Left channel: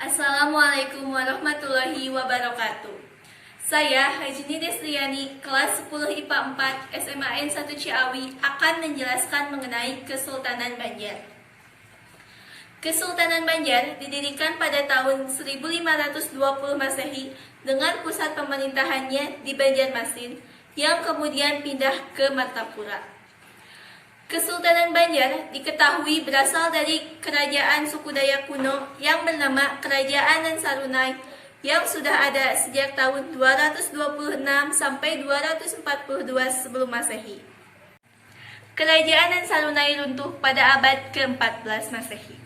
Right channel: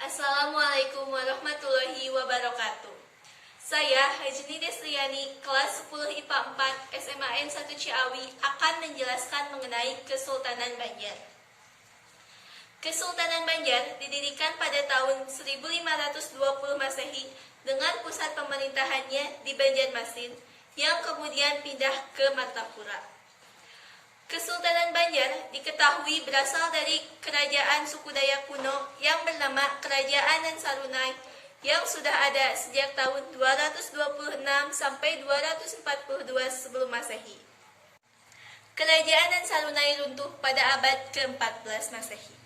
Assalamualaikum warahmatullahi wabarakatuh. Saya Hajni Desriani, kelas 10 IPA 4 SMAN 1 Ciawi akan menjelaskan mengenai Kesultanan Banjar. Kesultanan Banjar didirikan pada tahun 1520 Masehi dengan pusat pemerintahannya di Banjarmasin yang kemudian pindah ke Martapura. Kesultanan Banjar diketahui berasal dari kerajaan suku Dayak kuno yang bernama Kerajaan Ansarunai yang sudah ada sejak tahun 226 sampai 242 sebelum Masehi. Kerajaan Ansarunai runtuh pada abad ke-14 Masehi.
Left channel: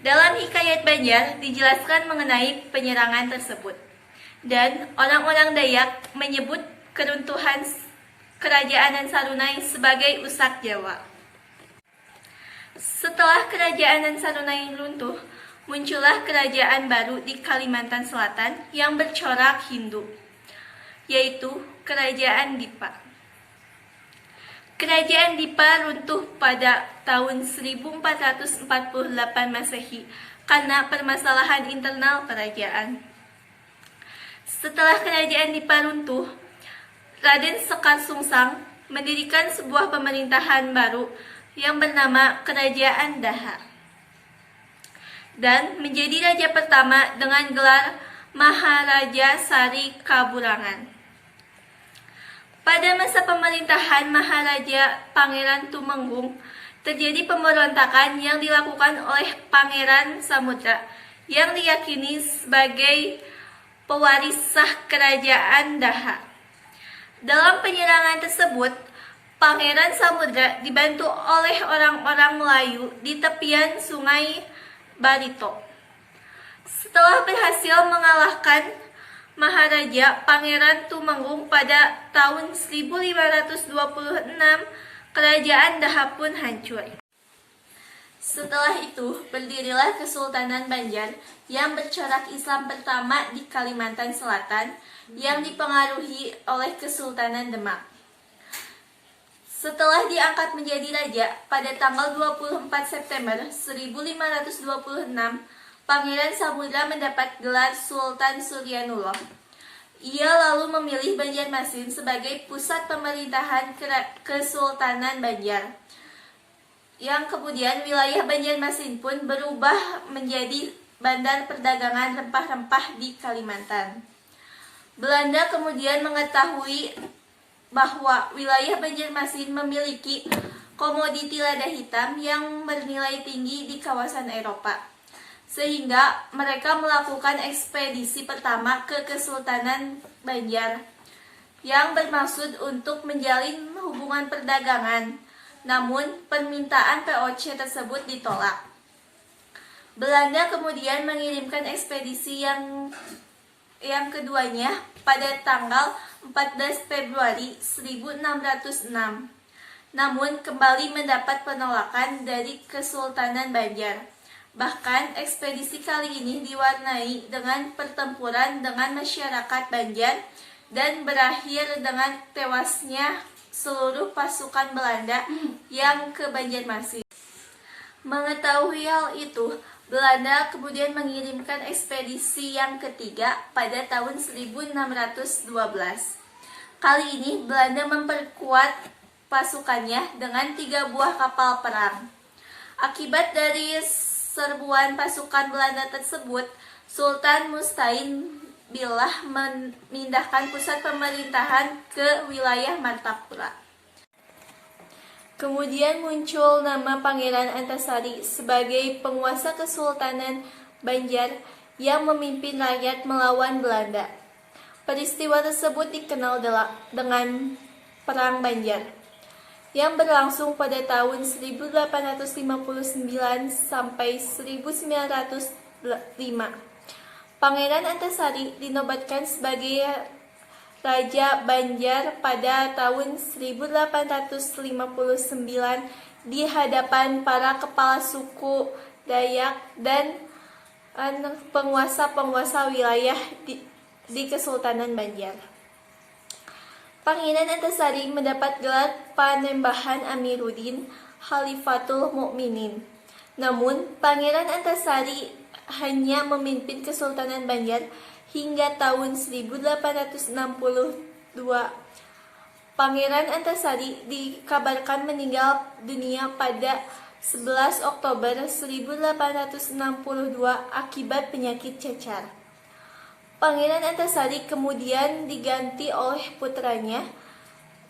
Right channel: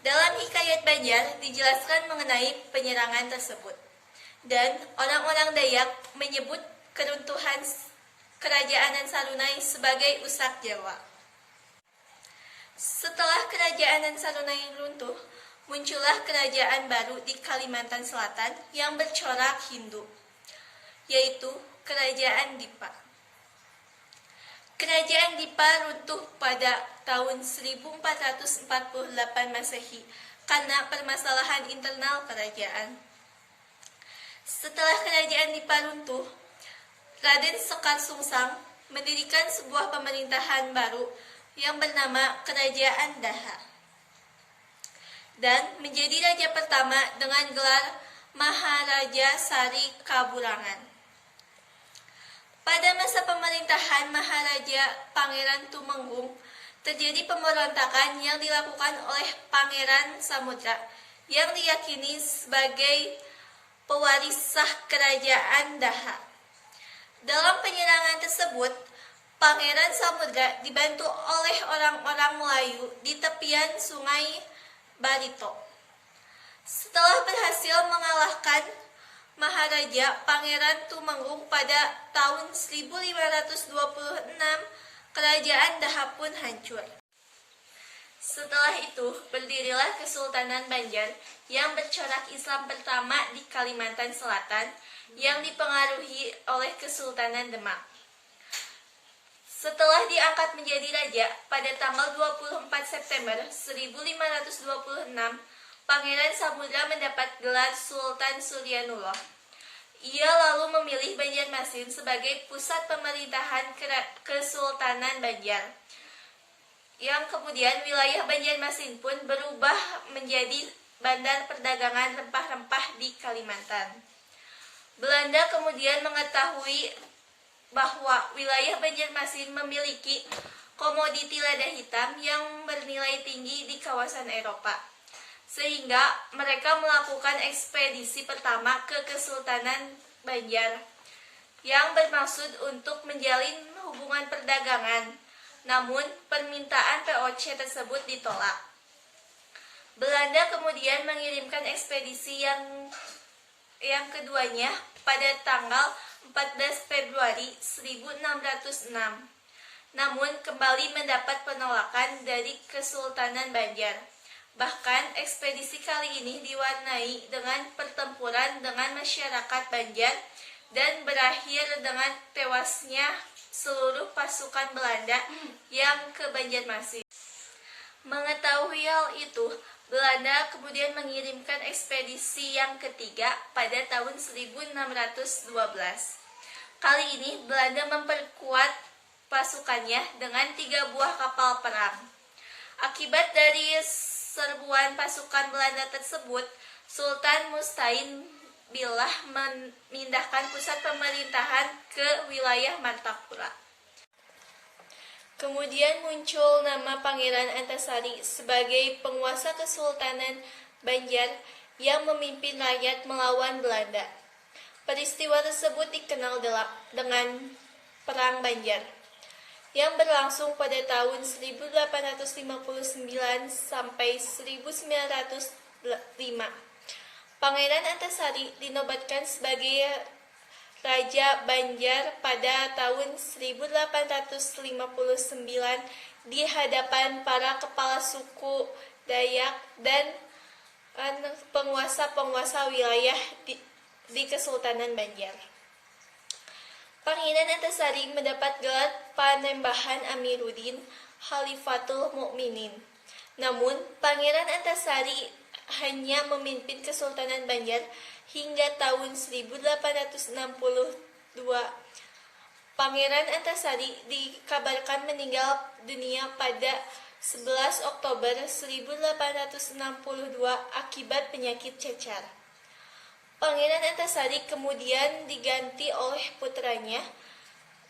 Dalam Hikayat Banjar dijelaskan mengenai penyerangan tersebut, dan orang-orang Dayak menyebut keruntuhan Kerajaan Ansarunai sebagai Usak Jawa. Setelah Kerajaan Ansarunai runtuh, muncullah kerajaan baru di Kalimantan Selatan yang bercorak Hindu, yaitu Kerajaan Dipa. Kerajaan Dipa runtuh pada tahun 1448 Masehi karena permasalahan internal kerajaan. Setelah Kerajaan Dipa runtuh, Raden Sekar Sungsang mendirikan sebuah pemerintahan baru yang bernama Kerajaan Daha dan menjadi raja pertama dengan gelar Maharaja Sari Kaburangan. Pada masa pemerintahan Maharaja Pangeran Tumenggung, terjadi pemberontakan yang dilakukan oleh Pangeran Samudra yang diyakini sebagai pewaris sah Kerajaan Daha. Dalam penyerangan tersebut, Pangeran Samudra dibantu oleh orang-orang Melayu di tepian Sungai Barito. Setelah berhasil mengalahkan Maharaja Pangeran Tumenggung pada tahun 1526, Kerajaan Daha pun hancur. Setelah itu, berdirilah Kesultanan Banjar yang bercorak Islam pertama di Kalimantan Selatan yang dipengaruhi oleh Kesultanan Demak. Setelah diangkat menjadi raja pada tanggal 24 September 1526, Pangeran Samudra mendapat gelar Sultan Suryanullah. Ia lalu memilih Banjarmasin sebagai pusat pemerintahan Kesultanan Banjar, yang kemudian wilayah Banjarmasin pun berubah menjadi bandar perdagangan rempah-rempah di Kalimantan. Belanda kemudian mengetahui bahwa wilayah Banjarmasin memiliki komoditi lada hitam yang bernilai tinggi di kawasan Eropa, sehingga mereka melakukan ekspedisi pertama ke Kesultanan Banjar yang bermaksud untuk menjalin hubungan perdagangan. Namun permintaan POC tersebut ditolak. Belanda kemudian mengirimkan ekspedisi yang keduanya pada tanggal 14 Februari 1606. Namun kembali mendapat penolakan dari Kesultanan Banjar. Bahkan ekspedisi kali ini diwarnai dengan pertempuran dengan masyarakat Banjar dan berakhir dengan tewasnya seluruh pasukan Belanda yang ke Banjarmasin. Mengetahui hal itu, Belanda kemudian mengirimkan ekspedisi yang ketiga pada tahun 1612. Kali ini Belanda memperkuat pasukannya dengan 3 buah kapal perang. Akibat dari serbuan pasukan Belanda tersebut, Sultan Mustain Billah memindahkan pusat pemerintahan ke wilayah Martapura. Kemudian muncul nama Pangeran Antasari sebagai penguasa Kesultanan Banjar yang memimpin rakyat melawan Belanda. Peristiwa tersebut dikenal dengan Perang Banjar yang berlangsung pada tahun 1859 sampai 1905. Pangeran Antasari dinobatkan sebagai Raja Banjar pada tahun 1859 di hadapan para kepala suku Dayak dan penguasa-penguasa wilayah di Kesultanan Banjar. Pangeran Antasari mendapat gelar Panembahan Amiruddin Khalifatul Mukminin. Namun, Pangeran Antasari hanya memimpin Kesultanan Banjar hingga tahun 1862. Pangeran Antasari dikabarkan meninggal dunia pada 11 Oktober 1862 akibat penyakit cacar. Pangeran Antasari kemudian diganti oleh putranya,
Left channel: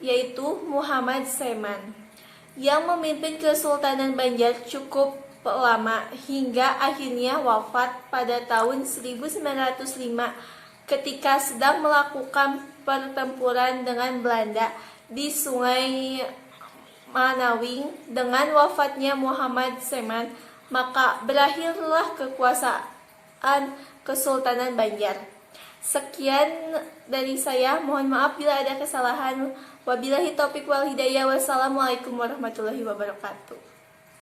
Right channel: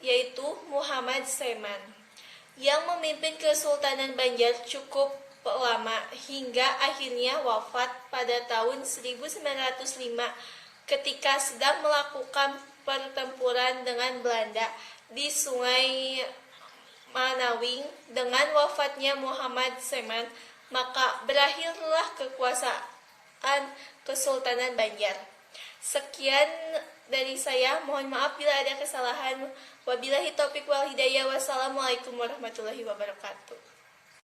yaitu Muhammad Seman, yang memimpin Kesultanan Banjar cukup lama hingga akhirnya wafat pada tahun 1905 ketika sedang melakukan pertempuran dengan Belanda di Sungai Manawing. Dengan wafatnya Muhammad Seman, maka berakhirlah kekuasaan Kesultanan Banjar. Sekian dari saya, mohon maaf bila ada kesalahan. Wabillahi taufiq wal hidayah. Wassalamualaikum warahmatullahi wabarakatuh.